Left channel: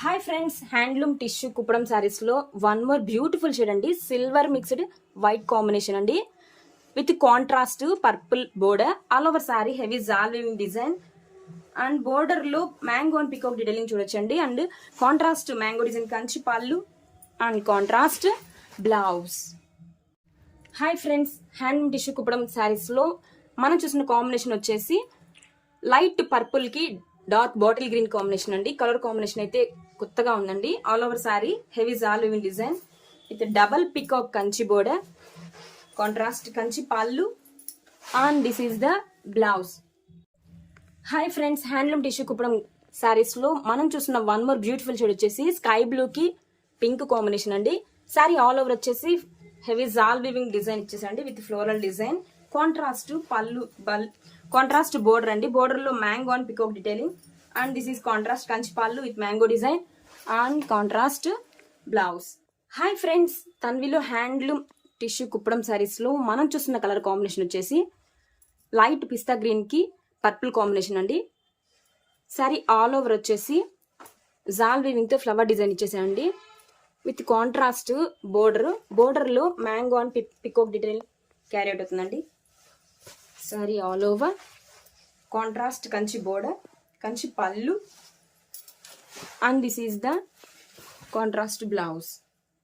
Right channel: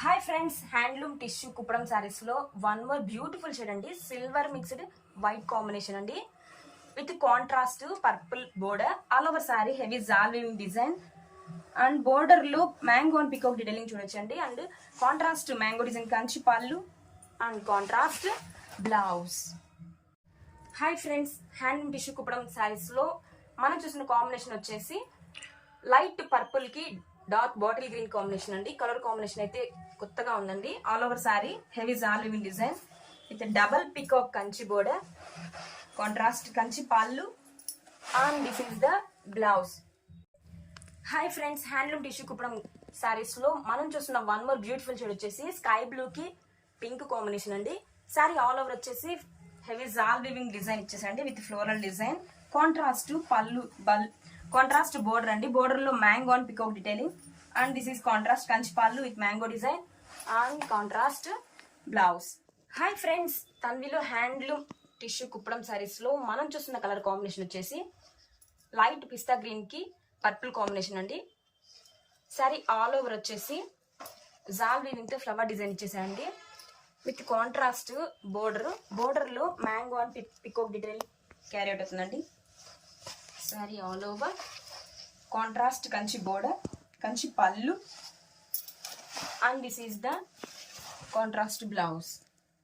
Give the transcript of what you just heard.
Hi friends, handloom tissue Kuppadam saris లో one more beautiful shade అండి. Silver mixed white combination అండి, with contrast purple border. All over sari heavy jaal weaving design and border లో mango and peacock detailing చూడొచ్చండి. And contrast mango design Kanchi pallu and contrast blouse. Hi friends, handloom tissue Kuppadam saris లో మనం చూసిన combination వచ్చేసి light purple కి dark bottle green combination అండి. Colour combination అయితే కొత్తగా ఉందండి. All over sari heavy jaal weaving design with double peacock Kanchi border, contrast Kanchi pallu and this is the blouse. Hi friends, handloom tissue Kuppadam saris లో మనం చూసిన వన్ మోర్ బ్యూటిఫుల్ షేడ్ వచ్చేసి sky blue కి pink combination అండి. సారీ ఆల్ ఓవర్ వచ్చేసి హెవీ జాల్ వీవింగ్ డిజైన్ ఇచ్చేసండి with floral design, contrast pallu contrast border అండి. Border లో mango and peacock detailing and this is contrast Kanchi pallu with mango design and contrast blouse. Hi friends, తన్విలో handloom tissue Kuppadam saris లో మనం చూస్తున్న colour combination వచ్చేసి light pista green కి purple combination అండి. Sari all over వచ్చేసి జాల్ వీవింగ్ తో ఫ్లవర్ డిజైన్ ఇచ్చేసాయండి విత్ కాంట్రాస్ట్ బోర్డర్ లో mango and peacock detail carry out అవుతుందండి. Sari all over contrast Kanchi border, Kanchi pallu and this is the contrast blouse.